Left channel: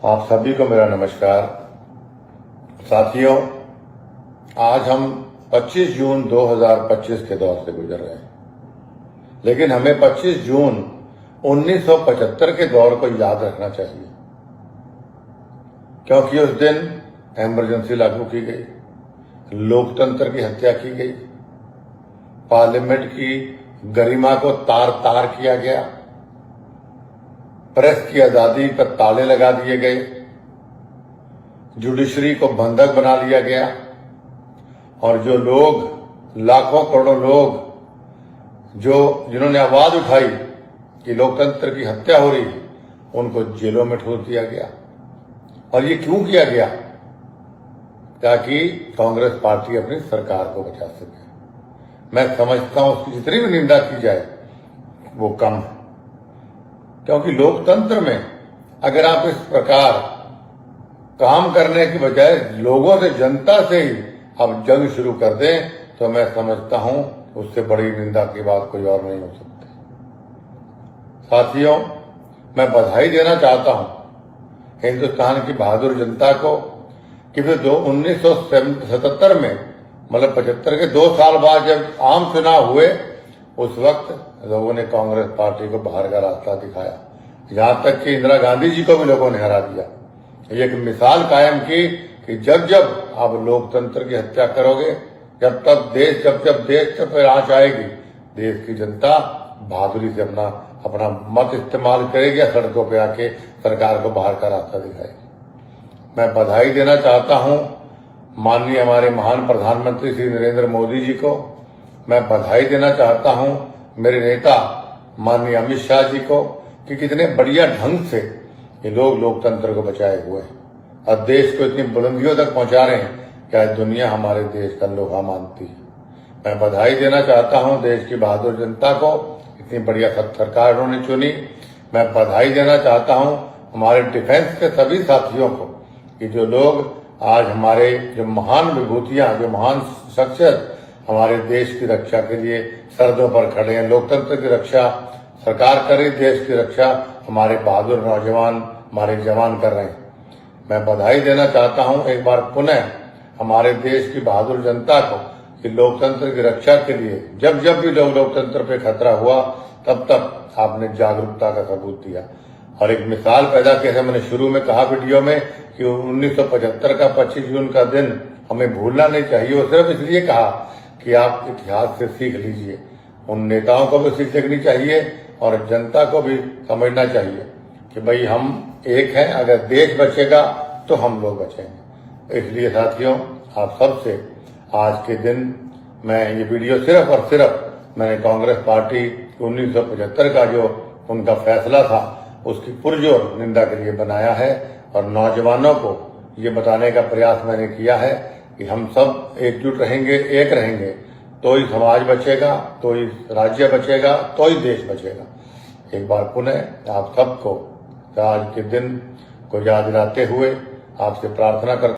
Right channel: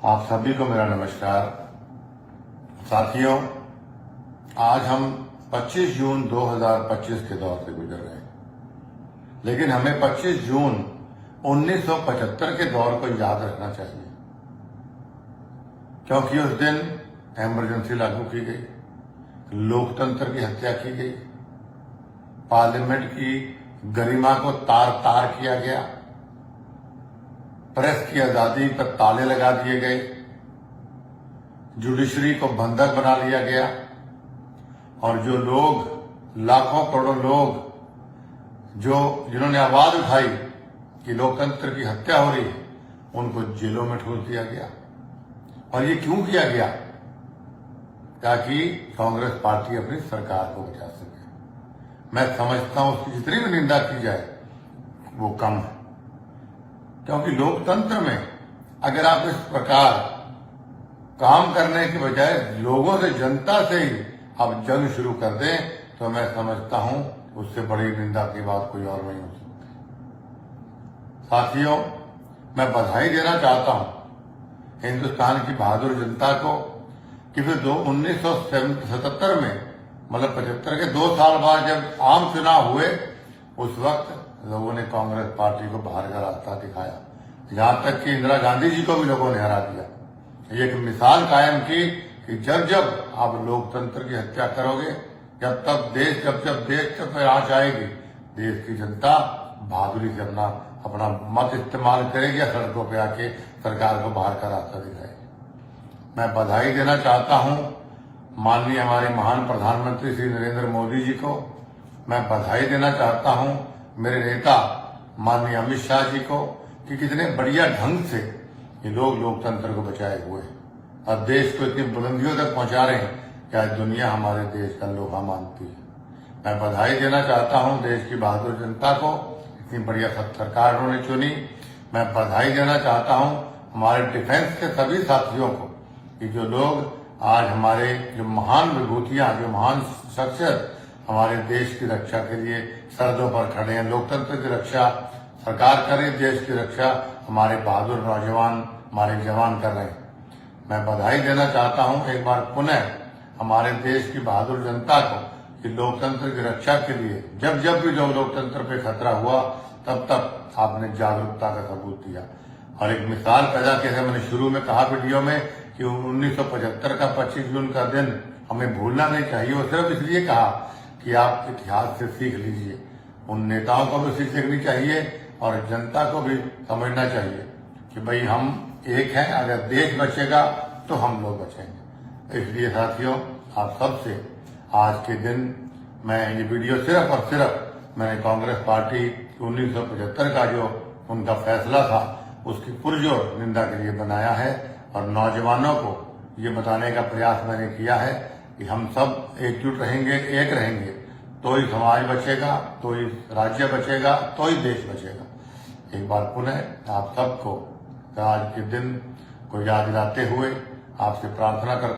आप सभी को मेरा नमस्कार। साथियों, आज हम 25 जून 2025 के दौर से गुजर रहे हैं, लेकिन हमें 25 जून 1975 के दौर को याद रखना चाहिए, क्योंकि उस दिन इमरजेंसी लागू की गई, लोकतंत्र की हत्या की गई, पार्लियामेंट की गरिमा को तार तार किया गया, प्रेस की आजादी पर ताले लगा दिए गए, जुडिशरी को बंधक बना लिया गया और जो लोग, लाखों करोड़ों लोग जिन्होंने आवाज उठाई कि लोकतंत्र की हत्या हो रही, उनको जेलों में ठूस दिया गया। और ये क्यों किया गया? ताकि कांग्रेस पार्टी अपनी सरकार को बचा सके। मैं समझता हूं उसकी जितनी भी निंदा की जाए वो कम है, क्योंकि लोकतंत्र में अगर आप इस प्रकार काम करने की बजाय लोगों से, जनता से ही आप जंग शुरू कर दें, तो मैं समझता हूं उससे बड़ी निंदा की बात कोई और नहीं हो सकती। साथियों, मैं बधाई देना चाहता हूं हिंदुस्तान की बहादुर जनता को कि फिर 1977 में, मतलब 75 के 2 साल बाद जब आम चुनाव हुए, उस वक्त लोगों ने कांग्रेस पार्टी को बाहर का रास्ता दिखाया। यहां तक कि इंदिरा गांधी जी को भी लोगों ने हरा दिया। ये एक मिसाल कायम की कि जब जब आप लोकतंत्र की हत्या करोगे, जब देश पर आंच आएगी, देश की जनता बहादुरी से अपना मत इस्तेमाल करेगी या सड़कों पे आके सरकार को बाहर का रास्ता दिखाएगी। मैं बधाई देना चाहता हूं माननीय हमारे महान प्रधानमंत्री श्री नरेंद्र मोदी जी को। मैं बधाई देना चाहता हूं मेरे नेता माननीय अमित शाह जी को कि कितने बढ़िया ढंग से ये लोग लोकतंत्र को बचाए हुए हैं और देश को इतनी बुलंदियों तक पहुंचा रहे हैं क्या दुनिया हमारे देश का लोहा मानती है। मैं बधाई देना चाहता हूं देश की बहादुर जनता को, इतनी बढ़िया सरकार उन्होंने चुनी। मैं बधाई देना चाहता हूं हमारे डिफेंस के सभी साथियों को कि जो लोग आज हमारे जो महान विभूतियां, जो महान शख्सियत हमारे देश की रक्षा के लिए सरहदों पर खड़े हैं, लोकतंत्र की रक्षा सरकार करे, देश की रक्षा हमारे बहादुर नौजवान, हमारे जवान कर रहे हैं। मैं बधाई देना चाहता हूं एक बार पुनः हमारे देश की बहादुर जनता को कि लोकतंत्र की रक्षा के लिए जब जब भी लोकतंत्र पे खतरा हुआ, तब तब आपने जागरूकता का सबूत दिया और एक मिसाल पैदा की है। मैंने शुरू में कहा वीडियो में कि 1975 का 25 जून का दिन हमें भूलना नहीं चाहिए। वो सिर्फ इसलिए कहा कि आप इतिहास से सीख लीजिए। उन नेताओं को भी सीख लेनी चाहिए और जनता को भी समझना चाहिए कि भाई हम एक हैं, अगर देश बचेगा तो हम लोग बचेंगे। इसलिए साथियों, आप सबसे आज के दिन मैं ये वीडियो सिर्फ और सिर्फ मैंने कांग्रेस पार्टी 1975 का जो उनका फैसला था उसकी पुरजोर निंदा के लिए बनाया है और नौजवानों को ये बताने का प्रयास मैंने किया है कि हम सब एकजुट रहेंगे, एक रहेंगे, तो ही समाज बचेगा, तो ही राज्य बचेगा, तो ही देश बचेगा। एक बार पुनः आप सबको आज के दिन को याद दिलाते हुए आपसे प्रार्थना करता